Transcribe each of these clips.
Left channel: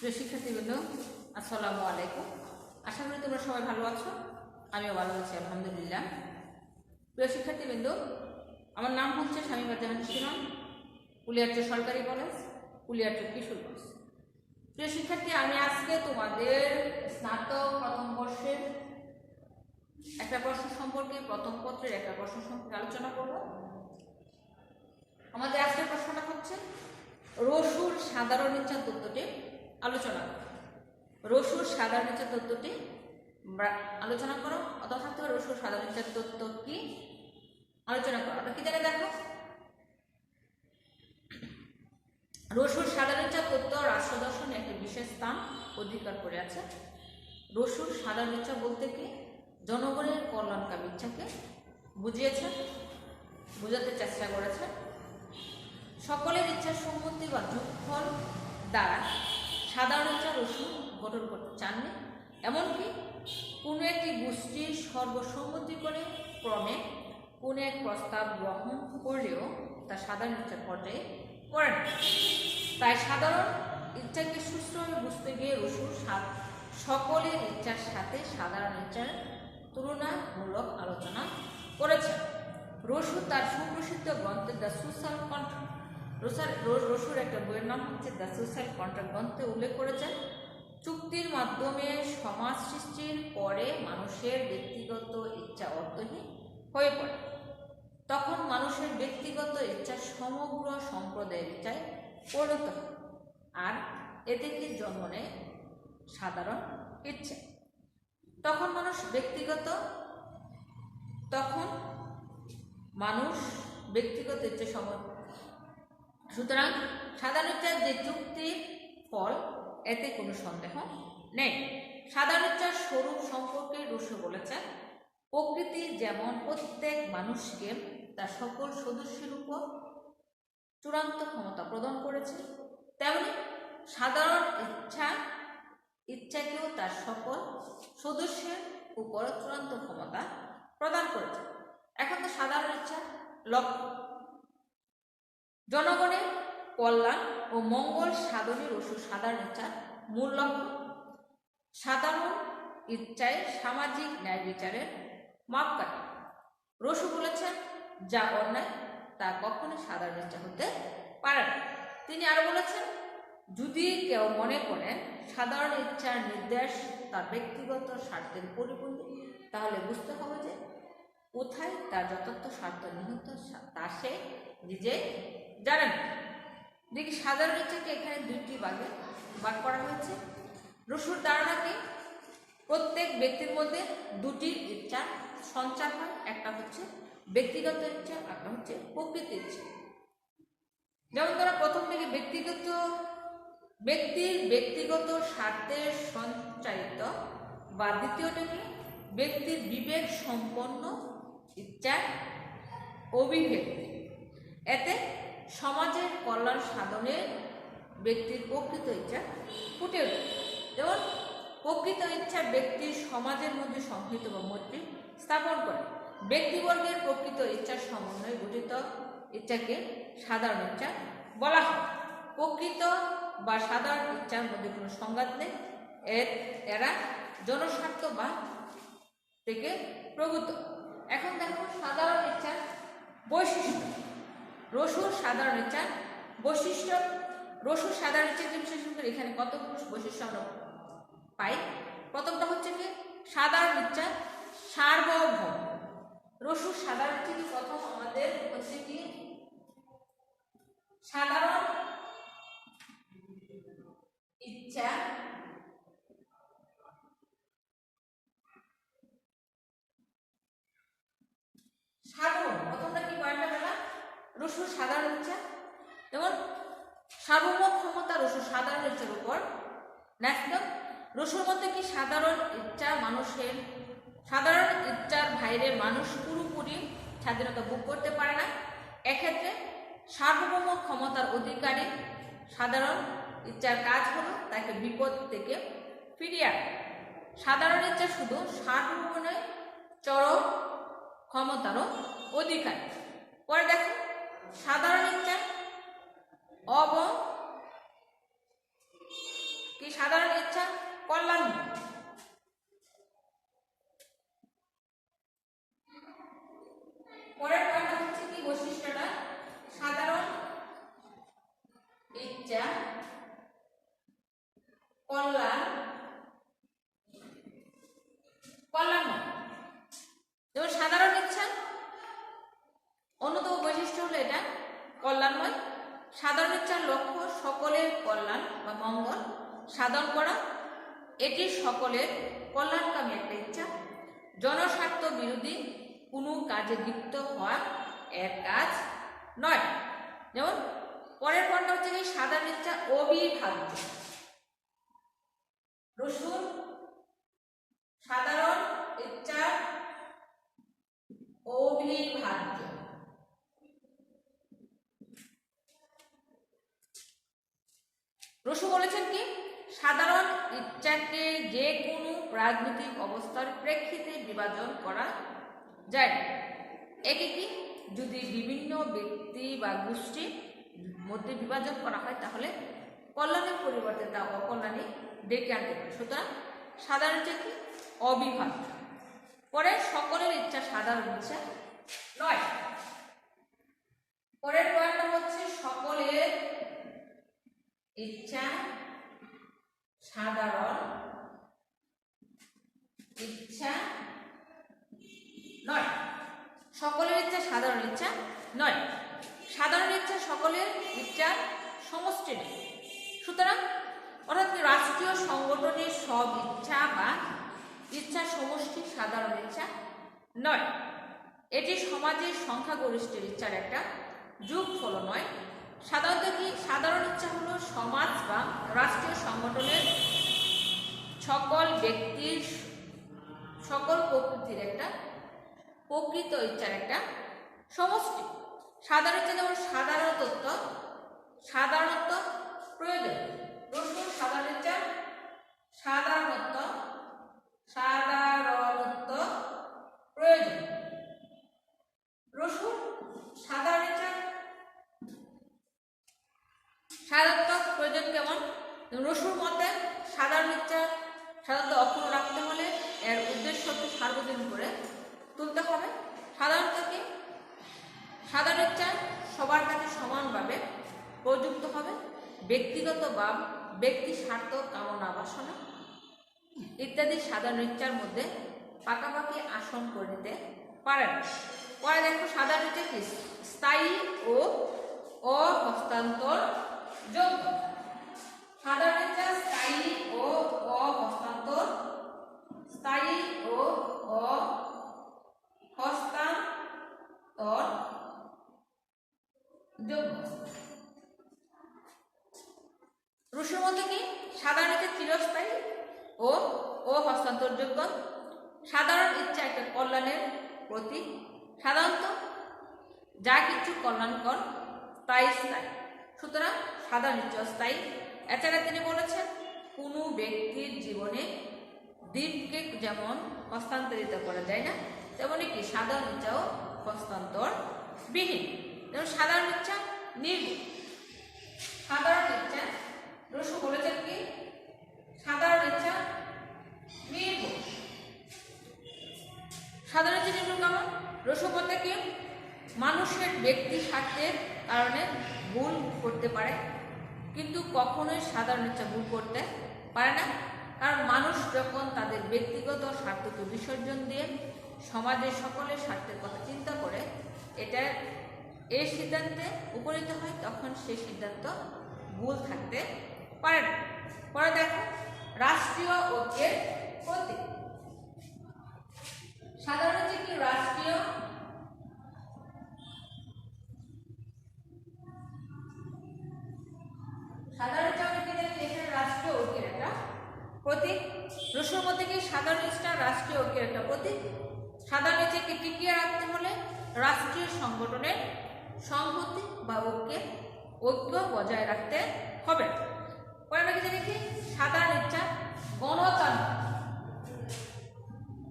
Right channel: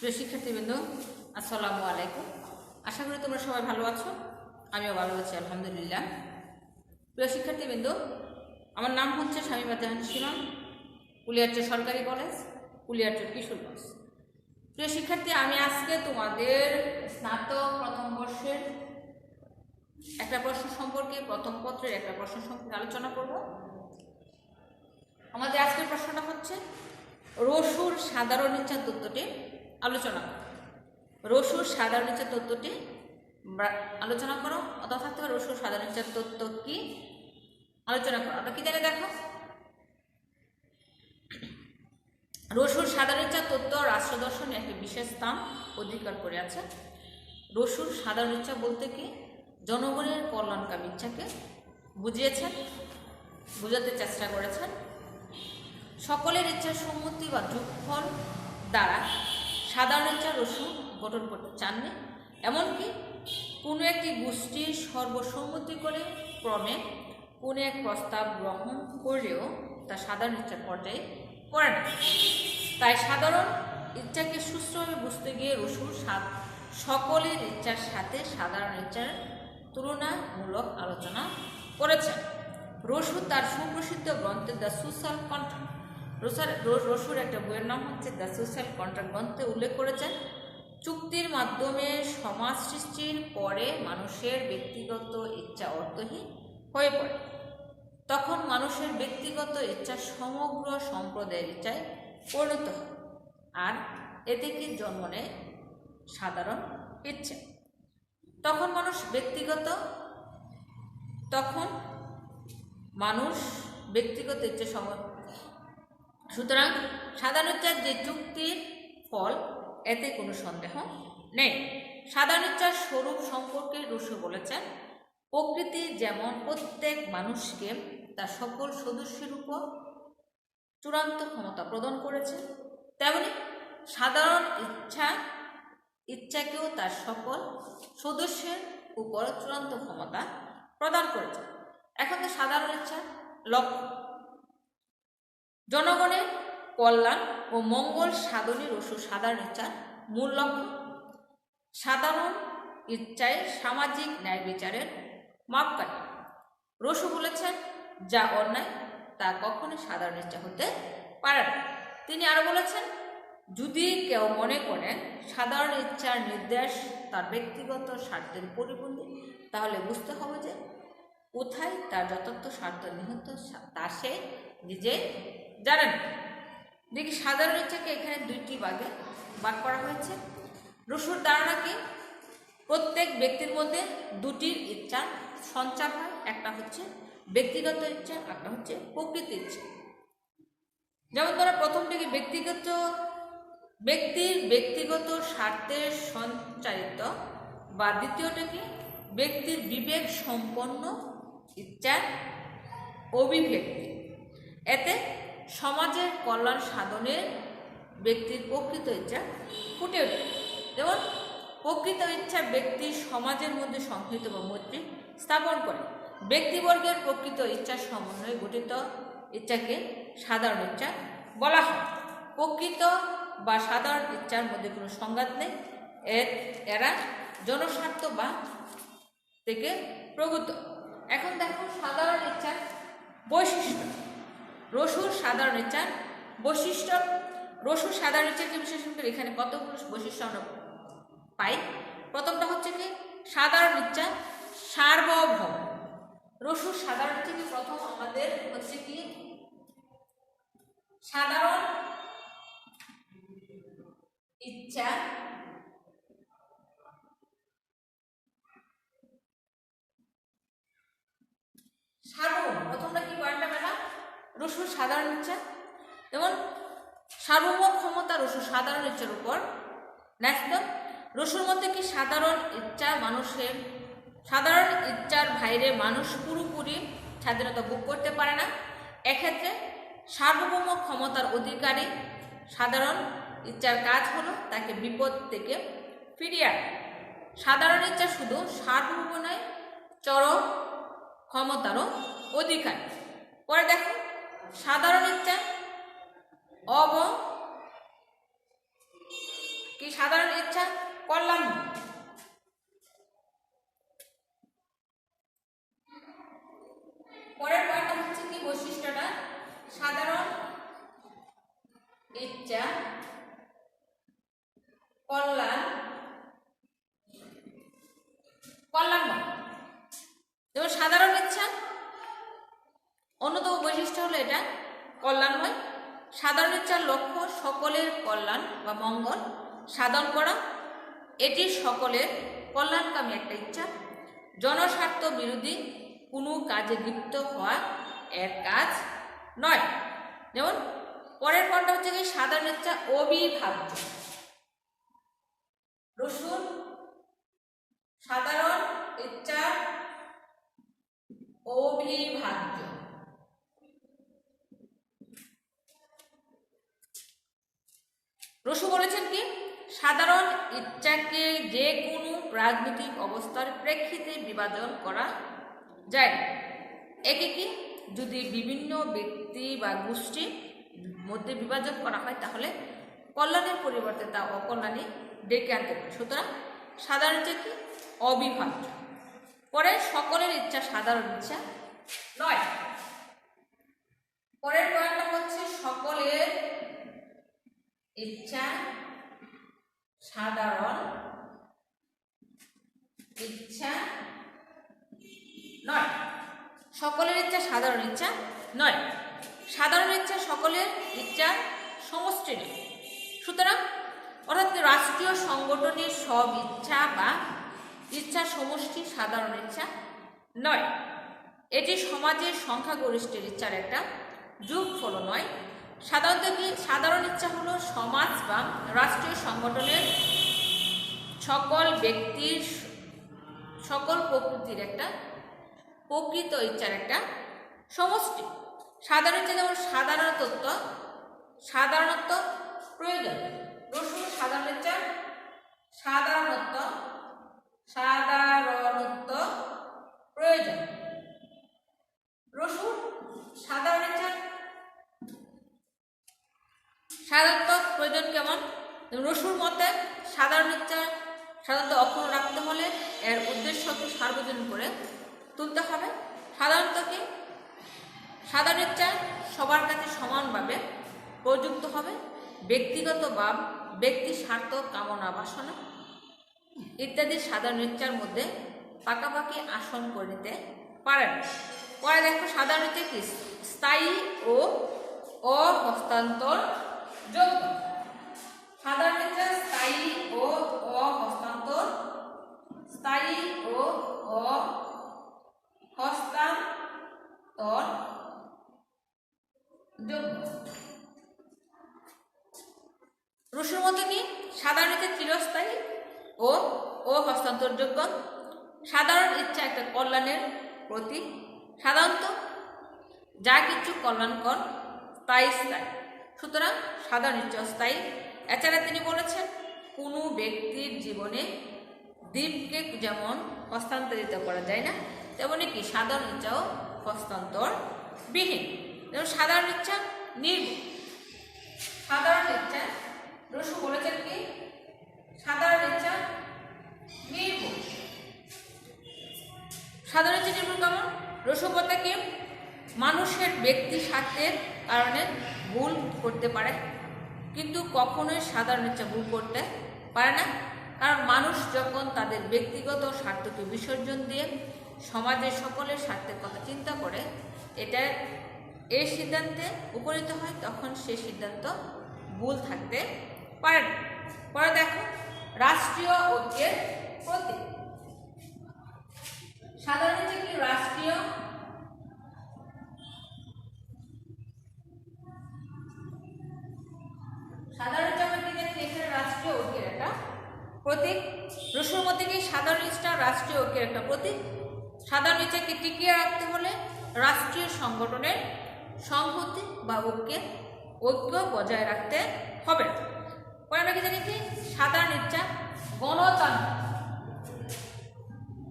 প্রিয় শিক্ষার্থীবৃন্দ, আসসালামু আলাইকুম। আশা করি তোমরা সবাই ভালো আছো। আমিও ভালো আছি, আলহামদুলিল্লাহ। প্রিয় শিক্ষার্থীবৃন্দ, আমার নাম হচ্ছে শামীমা জাহান সীমা, কুলিয়ারচর সরকারি কলেজ, কুলিয়ারচর কিশোরগঞ্জ। প্রিয় শিক্ষার্থী, আমি আজকে তোমাদের স্নাতক প্রথম বর্ষের একটা প্রশ্ন সম্পর্কে, প্রথম পত্রের একটা প্রশ্ন সম্পর্কে আলোচনা করব। আমাদের আজকের প্রশ্নটা হচ্ছে রসুর সাধারণ ইচ্ছা তত্ত্বটি আলোচনা করো। রসুর সাধারণ ইচ্ছা তত্ত্বটি আলোচনা করো, অথবা থাকতে পারে রসুর সাধারণ ইচ্ছা তত্ত্ব কি আলোচনা করো। আমরা কি জানি দেখো, রসুর সাধারণ ইচ্ছা তত্ত্ব রাষ্ট্র দর্শনে একটি বিশেষ স্থান অধিকার করে আছে। রসুর সাধারণ ইচ্ছা বলতে কি জনগণের কল্যাণকামী ইচ্ছাকে বুঝিয়েছেন, বোঝাতে চেষ্টা করেছেন। সকলের ইচ্ছার সম্মতি বা যোগফল দ্বারা সাধারণ ইচ্ছা রসু গঠন করতে চাননি। এমনকি কোনো একটি গোষ্ঠীর সর্বসম্মতি করে ক্রমে কোনো এক প্রস্তাব গ্রহণ করলেও তা সাধারণ ইচ্ছার পর্যায়ে পড়ে না। তাই সাধারণ ইচ্ছাকে সুষ্ঠুভাবে বুঝতে গিয়ে রসু সকলের ইচ্ছার সাথে সাধারণ ইচ্ছার তুলনামূলক আলোচনা করেছেন। রসু তার সুপ্রসিদ্ধ গ্রন্থে দ্য সোশ্যাল কন্ট্রাক্ট, রসুর একটা বইয়ের নাম হচ্ছে দ্য সোশ্যাল কন্ট্রাক্ট গ্রন্থে উল্লেখ করেছেন, চুক্তির মাধ্যমে সমাজ সৃষ্টির পরে মানুষের ব্যক্তিগত ইচ্ছা অর্থহীন হয়ে পড়ে। তখন মানুষের ব্যক্তিগত ইচ্ছা সমগ্র সম্প্রদায়ের ইচ্ছায় পরিণত হয়, আর এতে কি জন্ম নেয় সাধারণ ইচ্ছা। তখন মানুষ ব্যক্তিগত ইচ্ছা সময়। সুতরাং সাধারণ ইচ্ছার যে চুক্তির ফল, এতে কোনো সন্দেহ নেই। সাধারণ ইচ্ছার স্বরূপ সম্পর্কে রুশো বলেছেন, প্রকৃতি যেমন প্রত্যেক মানুষকে তার সকল সদস্যের উপর চূড়ান্ত ক্ষমতা প্রদান করেছে, তেমনি সাধারণ ইচ্ছাকেও তার সকল সদস্যের উপর চূড়ান্ত ক্ষমতা প্রদান করেছে। এখন তো সাধারণ ইচ্ছা লক্ষ্য জনগণের কল্যাণ ও মঙ্গল সাধনে রসুর সাধারণ ইচ্ছার মূল লক্ষ্য। সাধারণ ইচ্ছায় সামাজিক ন্যায় বিচারের মাপকাঠি। রসু বলেছেন, যা অন্যায় তা কখনোই সাধারণ ইচ্ছা হতে পারে না। তিনি আরো বলেছেন, যদি কেউ মনে করে সাধারণ ইচ্ছার নির্দেশ তার ব্যক্তিগত স্বার্থের পরিপন্থী, তাহলে বুঝতে হবে যে কোথায় তার যথার্থ স্বার্থ নিহিত তা সে নিজে জানেন। দেখি সাধারণ ইচ্ছাকে এখানে দুইটি ভাগে ভাগ করা হয়েছে। রসুর ধারণা কি প্রত্যেক ব্যক্তির মধ্যে দুটি ইচ্ছা সঞ্চার হয়, একটা হচ্ছে ব্যক্তিগত ইচ্ছা, একটা হচ্ছে প্রকৃত ইচ্ছা। যেমন ধরো প্রথমটাকে ব্যক্তির ব্যক্তিগত স্বার্থে সঞ্চারিত, বা দ্বিতীয়টাকে ব্যক্তির বিবেক সম্পন্ন ইচ্ছার অভিব্যক্তি। এতে সমাজের কল্যাণ সাধনের ব্যক্তির প্রকৃত ইচ্ছা ফুটে ওঠে। যেমন প্রকৃত ইচ্ছা ব্যক্তির সমাজের মধ্যে সম্পৃক্ত বা মৈত্রী স্থাপন করে। ব্যক্তিবর্গের প্রকৃত ইচ্ছার সমন্বয়ে গঠিত ইচ্ছাকে সাধারণ ইচ্ছা বলা হয়। প্রকৃত বা সাধারণ ইচ্ছার মধ্যে কোনো সংঘাত নেই, এরা জনস্বার্থ বা থেকে প্রভূত। এখন দেখো সাধারণ ইচ্ছার বৈশিষ্ট্য। রসুর সাধারণ ইচ্ছার বৈশিষ্ট্য। রসুর সাধারণ ইচ্ছাকে বিশ্লেষণ করে এখানে কতগুলো বৈশিষ্ট্য আমরা পাই। প্রথমটা হচ্ছে কি সাধারণ ইচ্ছা সার্বভৌম। রসুর সাধারণ ইচ্ছা কি প্রথম আমাদের হচ্ছে কি সাধারণ ইচ্ছা সার্বভৌম। প্রথমটা কি পয়েন্টটা পেলাম, রসুর সাধারণ ইচ্ছা যেমন সার্বভৌম ক্ষমতা রসুর সাধারণ ইচ্ছার উপর ন্যস্ত। রসুর মধ্যে কি সাধারণ ইচ্ছার বাইরে মানুষ পুরোপুরি স্বাধীনতা ভোগ করতে পারে না। এক্ষেত্রে সার্বভৌম ক্ষমতার অধিকারী সাধারণ ইচ্ছার কাজ হলো তাকে বিপদ থেকে ফিরিয়ে আনা। সাধারণ ইচ্ছা শুধু সার্বভৌম নয়, চরম ক্ষমতারও অধিকার। পরে দেখো সাধারণ ইচ্ছা সাধারণ ইচ্ছা কল্যাণ। পরের পয়েন্ট হচ্ছে কি বৈশিষ্ট্যটা, সাধারণ ইচ্ছা কল্যাণময়। যেমন সাধারণ ইচ্ছা অন্যতম বৈশিষ্ট্য হলো এটা কল্যাণময়। সাধারণ ইচ্ছার লক্ষ্য সকলের কল্যাণ বা মঙ্গল সাধন করা। এটি সকলের কল্যাণকামী একটা ইচ্ছা। জনস্বার্থ বিরোধী কোনো কাজে লিপ্ত হওয়া এর কাজ নয়। যেমন পরের পয়েন্ট হচ্ছে কি সাধারণ ইচ্ছা অবিভাজ্য। রসুন সাধারণ ইচ্ছা অবিভাজ্য। রসু বলেছেন কি সাধারণ ইচ্ছাকে যে কোনো রাজনৈতিক অবস্থার প্রেক্ষিতে বিভাজন করা যায়। একে কি যদি বিভিন্ন ব্যক্তি বা গোষ্ঠীর মধ্যে বিভাজন করা হয় তাহলে কল্যাণের পরিবর্তে তা অকল্যাণে ডেকে আনতে পারে। সুতরাং সাধারণ ইচ্ছা কি অবিভাজ্য। পরে সকলের ইচ্ছা সাধারণ ইচ্ছা নয়। পরের পয়েন্টটা হচ্ছে সকলের ইচ্ছা সাধারণ ইচ্ছা নয়। সকলের ইচ্ছা সাধারণ ইচ্ছা নয়। সাধারণ ইচ্ছা সকলের ইচ্ছা সমষ্টি নয়। সুতরাং অর্থাৎ রাষ্ট্রীয় সংগঠনের সব ইচ্ছা বা ইচ্ছা সমষ্টি সাধারণ ইচ্ছা নয়। এটি সমাজের সংখ্যাগরিষ্ঠের ইচ্ছার একটা যোগফল নয়। সাধারণত কি সাধারণ ইচ্ছা হলো সমাজ বা রাষ্ট্রীয় সংগঠনের সকল ব্যক্তির সকল প্রকৃতির একটা প্রকৃত ইচ্ছার একটা সমষ্টি। সাধারণ ইচ্ছা যেমন সাধারণত প্রয়োজন। রসুন সাধারণ ইচ্ছা সাধারণত প্রয়োজন। রসুন সাধারণ ইচ্ছা সাধারণত প্রয়োজন কেমন? রসুর মতে সাধারণ ইচ্ছা সাধারণত অক্ষুণ্ণ রাখতে হলে এর উদ্দেশ্যকে সার্বজনীন করে তুলতে হবে। সাধারণত কি সাধারণ ইচ্ছা সবার কাছে সমানভাবে প্রযুক্ত হবে। ব্যক্তিগত বা ব্যক্তি স্বার্থ কামনা বাসনা ইত্যাদি সাধারণ ইচ্ছার মধ্যে পাকাপাকি আসন করে নিতে পারেন। পরে দেখো সাধারণ ইচ্ছা কি স্থায়ী ও অহস্তান্তর যোগ্য। সাধারণ ইচ্ছা স্থায়ী ও অহস্তান্তর যোগ্য। রুশুর মতো কি সাধারণ ইচ্ছা চিরস্থায়ী ও অহস্তান্তরযোগ্য। সাধারণ ইচ্ছা একটা কল্যাণের প্রতীক। সাধারণত যা কিছু কল্যাণকর তাই স্থায়ী। সুতরাং সাধারণ ইচ্ছা স্থায়ী। এছাড়া তিনি বলেছেন কোনো ব্যক্তির জীবনে দ্বীপকে যেমন হস্তান্তরিত করা যায় না তেমনি কি সাধারণ ইচ্ছাও হস্তান্তর বিহীন। যেমন সাধারণ ইচ্ছা নির্ভুল। সাধারণ ইচ্ছা রসু বলেছেন কি সাধারণ ইচ্ছা নির্ভুল। সাধারণ ইচ্ছা নির্ভুল কেমন? রসু বলতে কি মানুষের ব্যক্তি স্বার্থের কারণে ভুল করতে পারে কিন্তু কখনোই সাধারণ ইচ্ছা ভুল করতে পারে না। কারণ মানুষ যখন তাদের ব্যক্তিগত স্বার্থকে বিসর্জন দিয়ে সমাজের সকলের স্বার্থের কথা চিন্তা করে এই সিদ্ধান্তে উপনীত হয় তখন সেই সিদ্ধান্ত ভুল থাকতে পারে না। পরে দেখো রাষ্ট্রীয় ঐক্যের প্রতীক। সাধারণত কি রাষ্ট্রীয় সাধারণত আমরা কি জানি এখানে রাষ্ট্রীয় ঐক্যের একটা প্রতীক। রসুর মধ্যে কি সাধারণ ইচ্ছা রাষ্ট্রীয় ঐক্যের একটা প্রতীক। সাধারণ ইচ্ছাকে টিকিয়ে রাখতে হলে রাষ্ট্রীয় সংগঠনের সংহতি বা ঐক্য বজায় রাখতে হবে। পরে আমরা কি জানি কি সাধারণ ইচ্ছা গণতান্ত্রিক।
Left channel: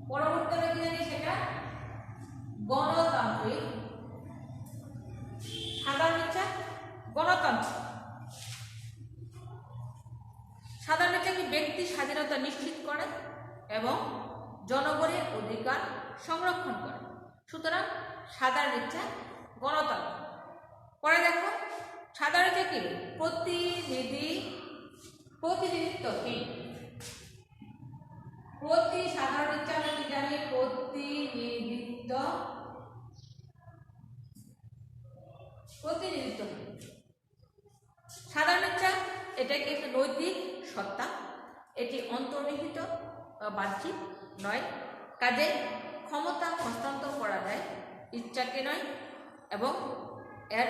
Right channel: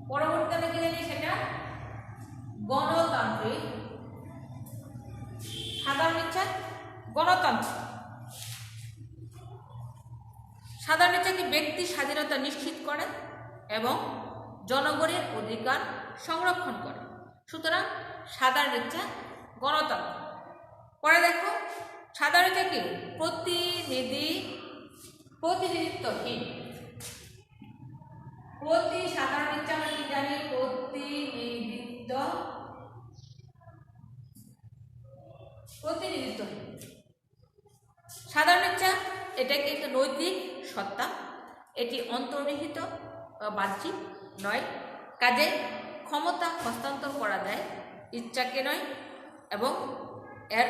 পরবর্তী আমরা কি জানি সেটা গণতান্ত্রিক। সাধারণ ইচ্ছা গণতান্ত্রিক। সাধারণ ইচ্ছা কি ব্যক্তির স্বাধীনতা নিশ্চিত করে এবং জনগণের অধিকার সংরক্ষণ করে। সুতরাং সাধারণ ইচ্ছা গণতন্ত্র। পরে দেখো সাধারণ ইচ্ছা কি প্রতিনিধিত্বহীন। সাধারণ ইচ্ছা আমরা কি জানি? প্রতিনিধিত্বহীন। সাধারণ ইচ্ছা এটা কি একটা নৈতিক সত্তা, এটি অন্তর্নিহিত বা বাহ্যিক নয়, কাজে ক্ষমতা হস্তান্তর করা যায় ইচ্ছাকে নয়, এবং এর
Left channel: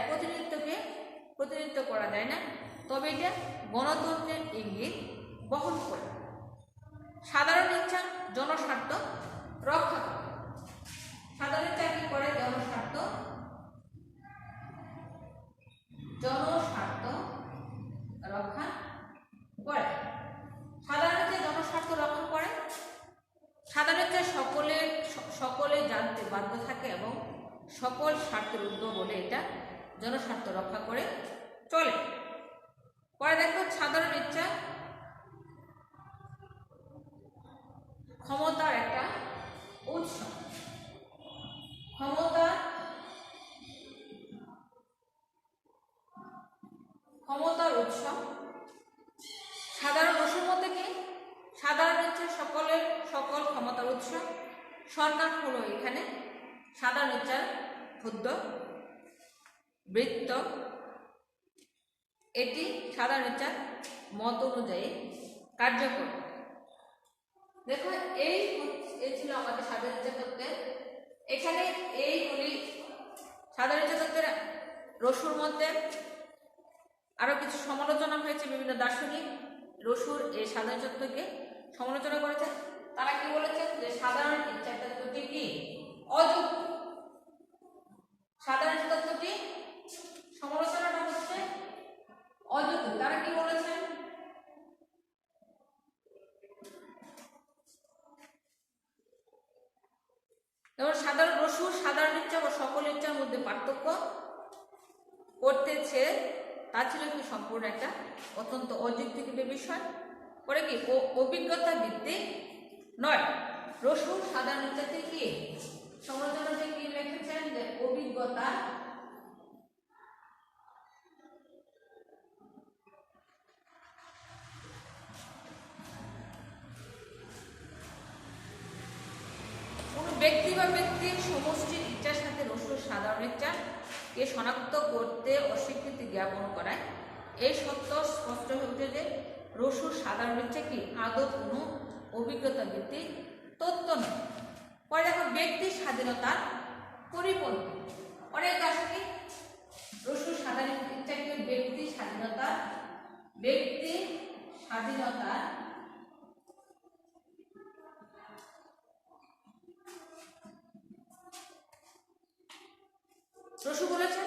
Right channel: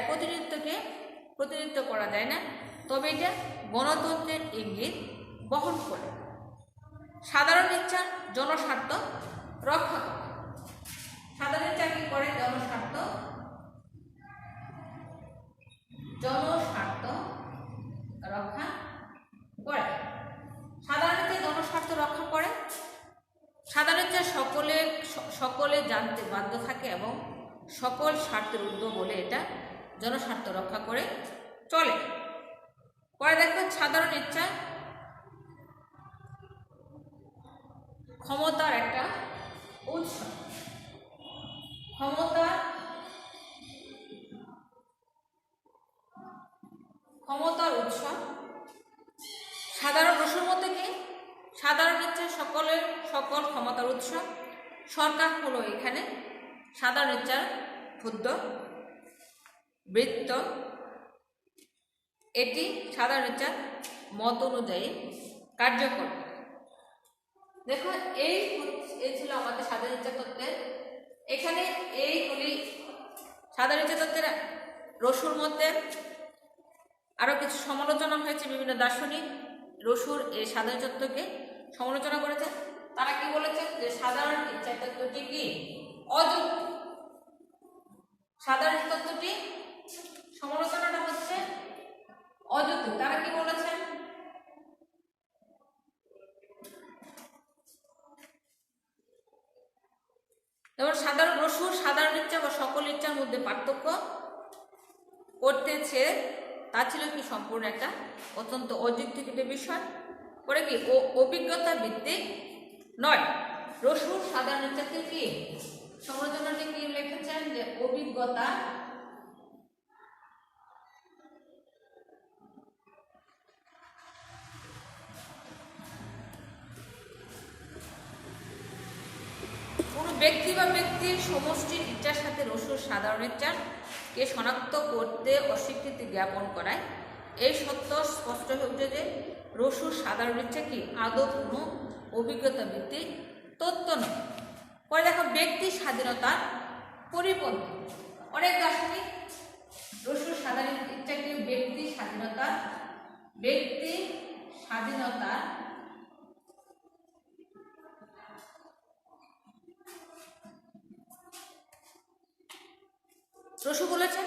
প্রতিনিধিত্ব করা যায় না, তবে এটা গণতন্ত্রের ইঙ্গিত বহন করে। সাধারণ ইচ্ছা জনস্বার্থ রক্ষা করে। সাধারণ ইচ্ছা কি করে? জনস্বার্থ রক্ষা করে। সাধারণ ইচ্ছা জনস্বার্থ রক্ষা করে। সাধারণ ইচ্ছা সকলে জানতে বাধ্য থাকে এবং সকল স্বার্থের ঊর্ধ্বে বলে এটা জনস্বার্থ রক্ষা করে চলে। পরে দেখো সাধারণ ইচ্ছা ক্ষমতার একটা উৎস। ক্ষমতার উৎস। সাধারণ রসুর মধ্যে কি? সাধারণ ইচ্ছা সকল ক্ষমতার উৎস। সরকার হলো এখানে সাধারণ ইচ্ছার ক্ষুদ্র বৃত্ত। এটি সাধারণ ইচ্ছার মত অনুযায়ী কার্যকর। দেখো এই ছিল আমাদের সাধারণ ইচ্ছা তত্ত্বের। এখানে এইগুলি সাধারণ ইচ্ছা তত্ত্বের রসুর মধ্যে আরো কিছু সমালোচনা হয়েছে। বিভিন্ন দার্শনিক রসুর এই সাধারণ তত্ত্বকে সমালোচনা করেছে। তারা কি বলেছেন? যে সাধারণ ইচ্ছা তত্ত্বটি কি অযুক্তি। সাধারণ তত্ত্বটি সমালোচনাটা হচ্ছে অযুক্তি। তারা কি বলেছেন? এবার সাধারণ ইচ্ছা বা সকল ইচ্ছার মধ্যে পার্থক্য করতেছে, তা ছিল কি সম্পূর্ণ একটা অত্যন্ত অযৌক্তিক বিষয়। পরে কি অভিজ্ঞতা ভিত্তিক নয়। রসুর সাধারণ ইচ্ছাকে কি সমালোচনাতে কি লিখেছেন? যে অভিজ্ঞতা কোন ব্যক্তি বা ব্যক্তির সমষ্টির ইচ্ছার সাথে রসুর সাধারণ ইচ্ছাকে শনাক্ত করতে অস্বীকৃতি জ্ঞাপন করায় এই সত্য স্পষ্ট হচ্ছে যে রসুর সাধারণ ইচ্ছা কি আদৌ কোনো অভিজ্ঞতা ভিত্তিক তত্ত্ব নয়। পরে দেখো ব্যক্তির স্বাধীনতার পরিপন্থী। অনেক দার্শনিক রসুর সাধারণ ইচ্ছাকে ব্যক্তি স্বাধীনতার রসু বলেছেন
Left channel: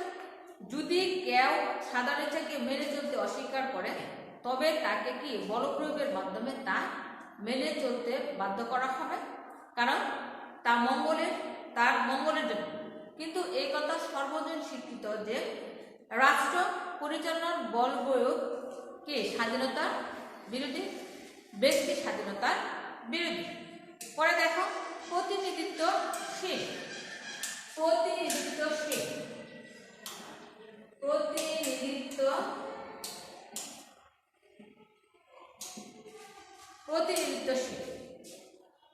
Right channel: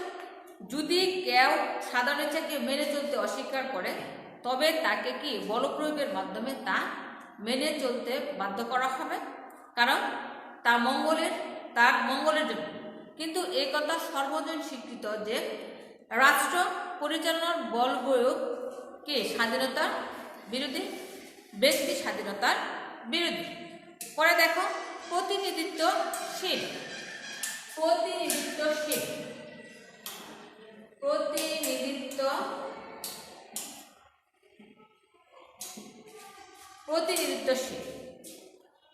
যদি কেউ সাধারণ ইচ্ছাকে মেনে চলতে অস্বীকার করে তবে তাকে কি বলপ্রয়োগের মাধ্যমে তা মেনে চলতে বাধ্য করা হবে, কারণ তার মঙ্গলের জন্য। কিন্তু এই কথা সর্বজন স্বীকৃত যে রাষ্ট্র পরিচালনার বল প্রয়োগ কি স্বাধীনতার বিরোধী, ব্যক্তি স্বাধীনতার বিরোধী। পরে দেখো প্রতিনিধিত্বশীল।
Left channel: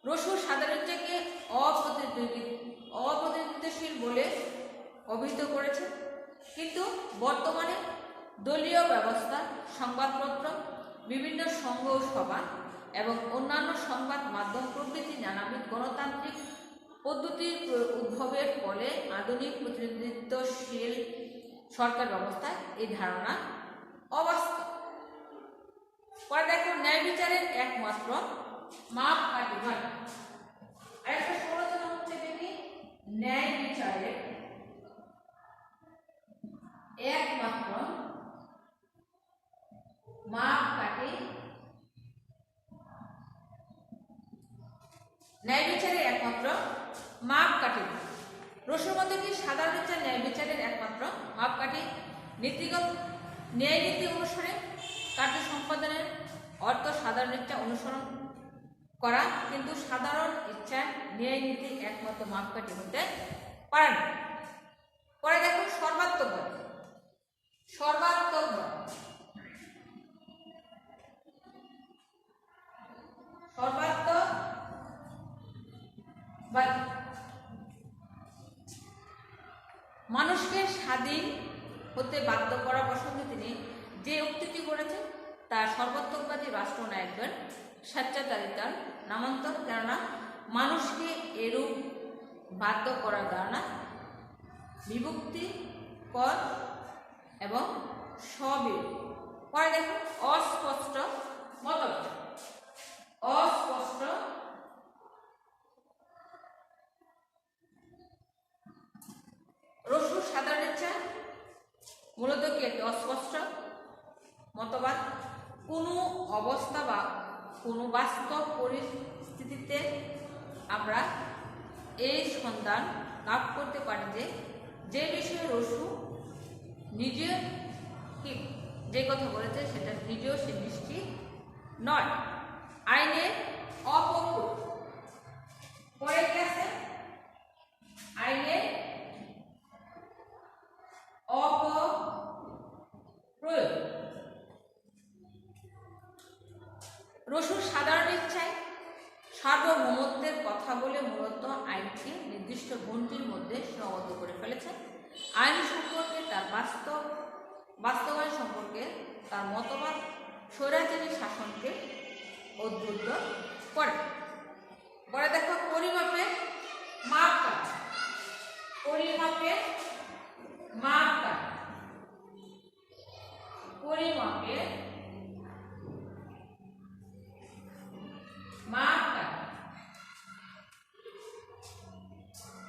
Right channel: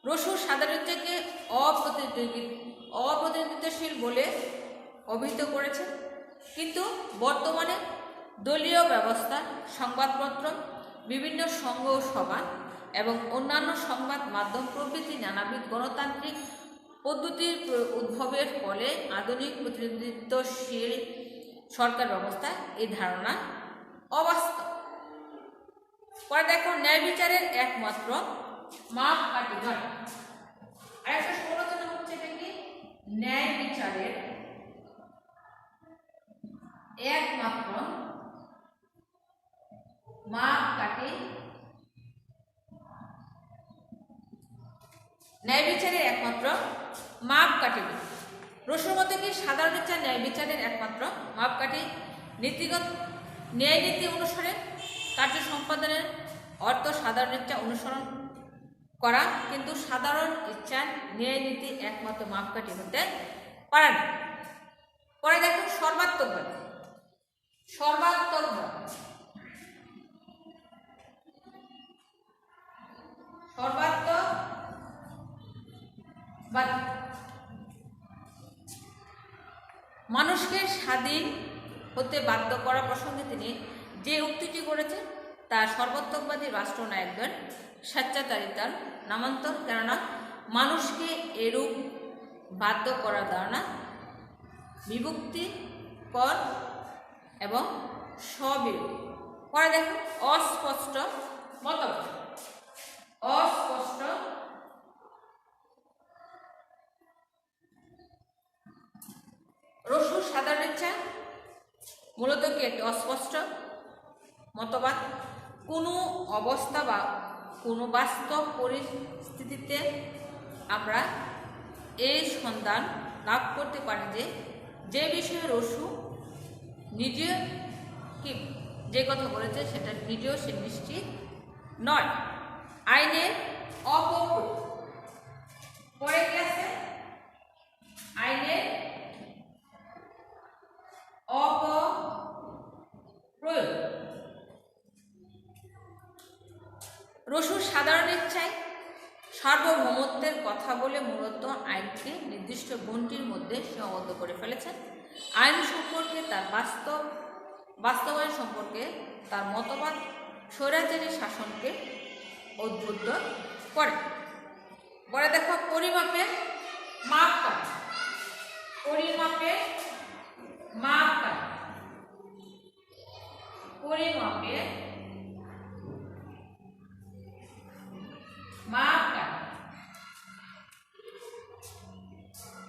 রসুর সাধারণ থেকে অপ্রতিনিধিত্বশীল বলে অভিহিত করেছে। কিন্তু বর্তমানে দলীয় ব্যবস্থা, সংবাদপত্র, বিভিন্ন সংঘ সভা এবং অন্যান্য সংবাদ মাধ্যম প্রভৃতি নানাবিধ গণতান্ত্রিক পদ্ধতির উদ্ভবের ফলে আধুনিক প্রতিনিধিত্বশীল সরকার ব্যবস্থায় এই ধারণা অবাস্তব। পরে দেখো ন্যায় বিচারের একমাত্র মাপকাঠি নয়। আরেকটা সমালোচনা হচ্ছে এটা কি ন্যায় বিচারের একমাত্র মাপকাঠি। ন্যায় বিচারের একমাত্র মাপকাঠি। রসুর মধ্যে কি সাধারণ ইচ্ছা ন্যায় বিচারের একমাত্র মাপকাঠি নীতিগত ন্যায় নীতি অনুসারে কার্য সম্পাদনের অর্থ সাধারণ ইচ্ছা অনুসরণ করা, কিন্তু সাধারণ ইচ্ছার ন্যায় নীতি একমাত্র মাপকাঠি হতে পারে না। পরে দেখো সর্বাত্মকবাদ। সর্বাত্মকবাদ সর্বাত্মকবাদ মানুষকে স্বাধীন হতে বাধ্য করা প্রসঙ্গে তিনি যে উক্তিটি করেছেন তা সর্বাত্মকবাদী রাষ্ট্রনায়কদের স্বেচ্ছাচারিতার নামান্তর, কেননা মানুষকে এরূপ বাধ্য করার ধারণা বিভক্তিকর এবং স্ববিরোধী। পরে দেখো অস্পষ্ট মতবাদ। অস্পষ্ট রসুর সাধারণ ইচ্ছা মূলত কি একটি অস্পষ্ট মতবাদ। কোনো অবস্থা বা কোনো বাস্তব পরিস্থিতিতে আমরা এই সন্ধান লাভ করতে পারি যে বিষয়ে রসু নিজে কি যে কথা বলেছে সেটা নিজেও সে নিশ্চিত নয়। আইনের অপপ্রয়োগ। পরে কি আছে? আইনের অপপ্রয়োগ। রসুর সাধারণ ইচ্ছায় সার্বভৌমত্বের কথা বলে মূলত আইনকে নির্দিষ্ট গণ্ডির মধ্যে সীমাবদ্ধ করে ফেলেছে। আইন সম্পর্কে তার বাস্তবায়ন সম্পর্কে তার মতবাদ স্বৈরাচারী শাসনকে উদ্বুদ্ধ করে। পরে দেখো পরিমাপের মাপকাঠি। পরিমাপের মাপকাঠি। পরিমাপের মাপকাঠি।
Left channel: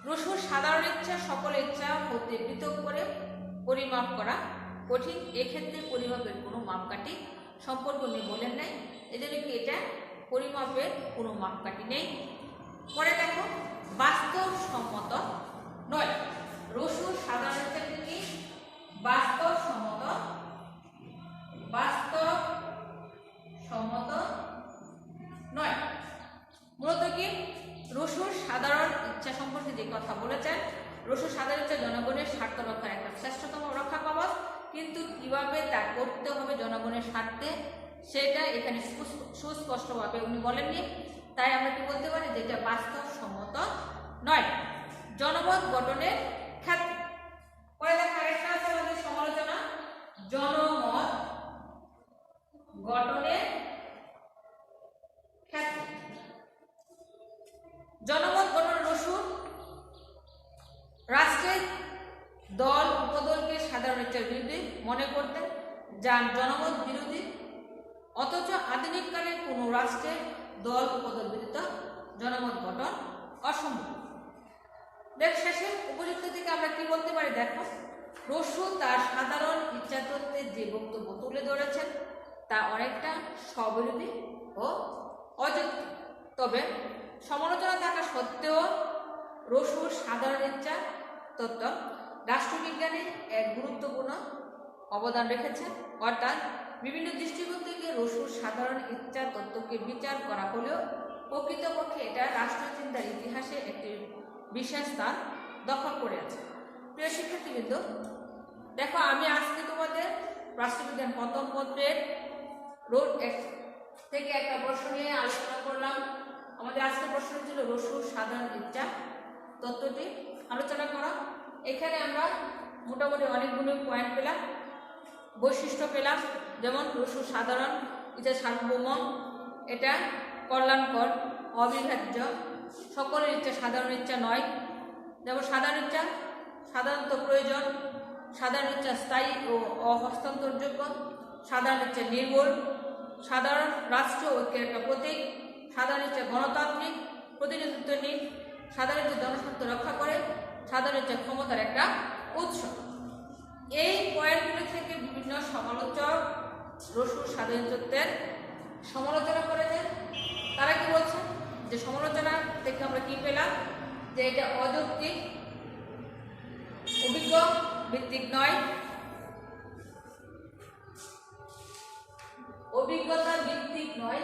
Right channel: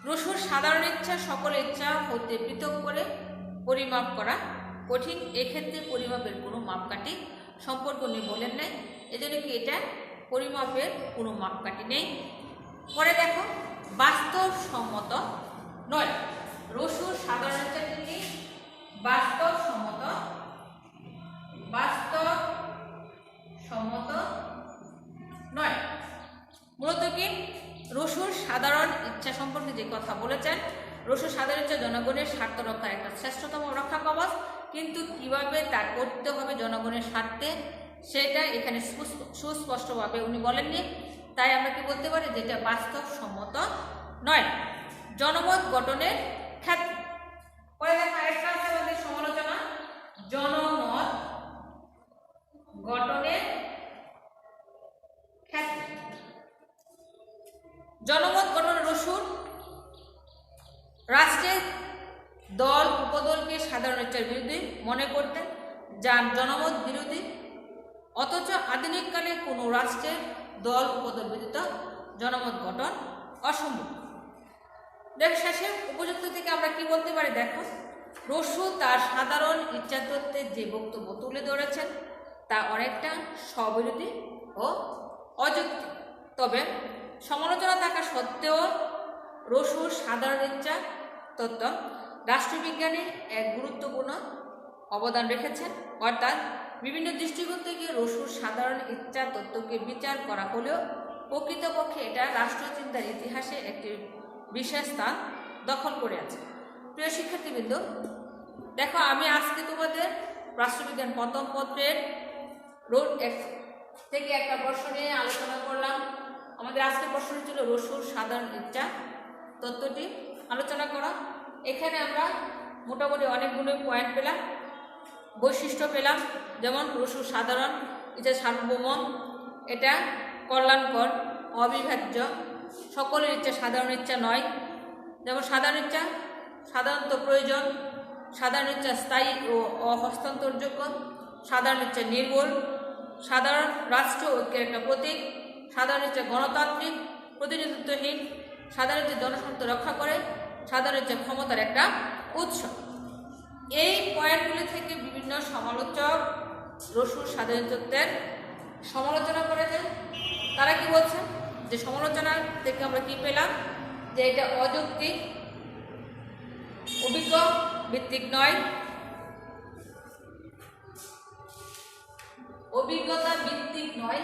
রসুর সাধারণ ইচ্ছা সকল ইচ্ছা হতে পৃথক করে পরিমাপ করা কঠিন। এক্ষেত্রে পরিমাপের কোনো মাপকাঠি সম্পর্ক উনি বলেন নাই, এজন্য কি এটা পরিমাপের কোনো মাপকাঠি নেই। পরে দেখো বাস্তবসম্মত নয়। রসুর সাধারণ ইচ্ছাটি কি বাস্তবসম্মত নয়। মূলত কি রসুর সাধারণ ইচ্ছা সম্পর্কে যে কথা বলেছেন, রসুর সাধারণ ইচ্ছা জনগণের স্বার্থ রক্ষার একটা শ্রেষ্ঠতম রক্ষা কবচ, কিন্তু কিভাবে তা করতে হবে জনগণের স্বার্থে সেটা এখানে সুস্পষ্টভাবে উনি বলেননি। তাই আমরা কি বলতে পারি যেটা বাস্তবসম্মত নয়। জনমত গঠনের ক্ষেত্রে। পরে দেখা আরেকটা আছে আমাদের সমালোচনা, জনমত গঠনের ক্ষেত্রে। জনমত গঠন রসুর রাষ্ট্রের দল উপদলকে সাধারণ ইচ্ছার বিরোধী মনে করতেন, যা জনমত বিরোধী, অথচ আধুনিককালে কোনো রাষ্ট্রের দল উপদল ব্যতীত জনমত গঠন অসম্ভব। দেখ শেষে উপযুক্ত থেকে আমরা কি বলতে পারি? দেখো রসু তার সাধারণ ইচ্ছা তত্ত্বের যে বক্তব্য তুলে ধরেছেন তা অনেকটা স্ববিরোধী ও অযৌক্তিক। তবে সমালোচনা থাকা সত্ত্বেও রসুর সাধারণ ইচ্ছা তত্ত্ব রাষ্ট্রবিজ্ঞানের এক গুরুত্বপূর্ণ অবদান রেখেছেন। অর্থাৎ বিভিন্ন দৃষ্টিকোণ থেকে রসুর সাধারণ ইচ্ছা তত্ত্বকে বিচার করা হলেও প্রকৃতপক্ষে এটা রাষ্ট্রচিন্তার ইতিহাসে একটি বিশেষ স্থান দখল করে আছে। প্রিয় শিক্ষার্থীবৃন্দ, দেখো আমি আজকে তোমাদের রাষ্ট্রবিজ্ঞান প্রথম পত্রের রোড থেকে একটা প্রশ্ন নিয়ে আলোচনা করলাম। আমাদের আজকের প্রশ্ন ছিল রসুর সাধারণ ইচ্ছা তত্ত্বটি আলোচনা করা। এখানে আমরা মোটামুটি অনেকগুলো পয়েন্ট পেলাম, বৈশিষ্ট্য পেলাম, যেমন রসুর সাধারণ ইচ্ছা সার্বভৌম, এটা কল্যাণকর, অবিভাজ্য, সকলের ইচ্ছা সাধারণ ইচ্ছা নয়। যেমন সাধারণ ইচ্ছা সাধারণত প্রয়োজন, সাধারণ ইচ্ছা স্থায়ী ও অহস্তান্তরযোগ্য, সাধারণ ইচ্ছা নির্ভুল, সাধারণ রাষ্ট্র ঐক্যের একটা প্রতীক, সাধারণ ইচ্ছা গণতান্ত্রিক প্রতিনিধিত্বহীন, সাধারণ ইচ্ছা জনস্বার্থ রক্ষা করে, সাধারণ ইচ্ছা ক্ষমতার একটা উৎস। এই পয়েন্টগুলি থেকে বিভিন্ন সমালোচক রসুর সাধারণ তত্ত্বের সমালোচনা করেছেন। তারা কি বলছেন যে সমালোচনা থেকে আমরা কি পেলাম যে এটা অযৌক্তিক, অভিজ্ঞ ভিত্তিক নয়, অভিজ্ঞতা ভিত্তিক নয়।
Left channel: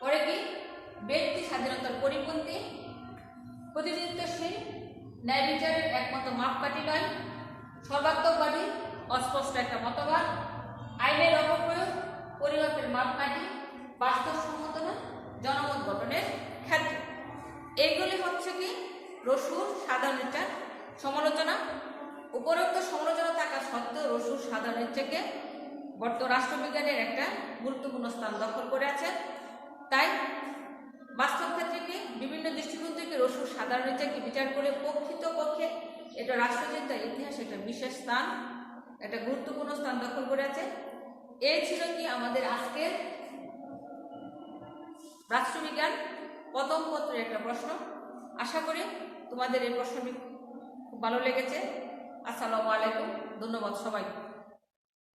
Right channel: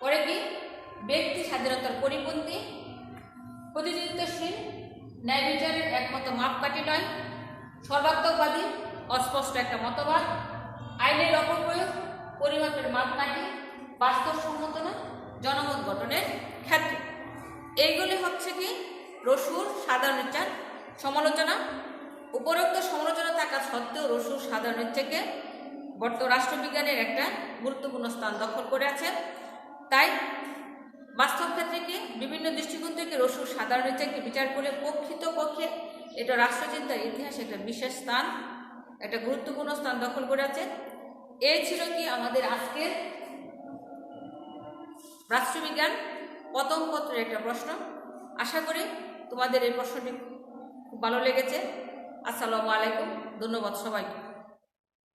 পরে কি ব্যক্তি স্বাধীনতার পরিপন্থী, প্রতিনিধিত্বশীল, ন্যায় বিচারের একমাত্র মাপকাঠি নয়, সর্বাত্মকবাদী, অস্পষ্ট একটা মতবাদ, আইনের অপপ্রয়োগ, পরিমাপের মাপকাঠি, বাস্তবসম্মত নয়, জনমত গঠনের ক্ষেত্রে। এইগুলি হচ্ছে কি রসুর সাধারণ ইচ্ছার সমালোচনা। উপরোক্ত সমালোচনা থাকা সত্ত্বেও রসুর সাধারণ ইচ্ছাকে বর্তমান রাষ্ট্রবিজ্ঞানের একটা গুরুত্বপূর্ণ স্থান দখল করে আছে। তাই বাস্তব ক্ষেত্রে কি বিভিন্ন দৃষ্টিকোণ থেকে রসুর সাধারণ ইচ্ছাকে বিচার করে প্রকৃতপক্ষে এটা রাষ্ট্রচিন্তার ইতিহাসে একটা বিশেষ স্থান, একটা গুরুত্বপূর্ণ স্থান দখল করে আছে। এই ছিল কি আমাদের আজকের রাষ্ট্রবিজ্ঞান প্রথম পত্রের একটা প্রশ্ন। আশা করি তোমাদের এই প্রশ্নটি খুব ভালো লেগেছে। আসসালামু আলাইকুম, ধন্যবাদ সবাইকে।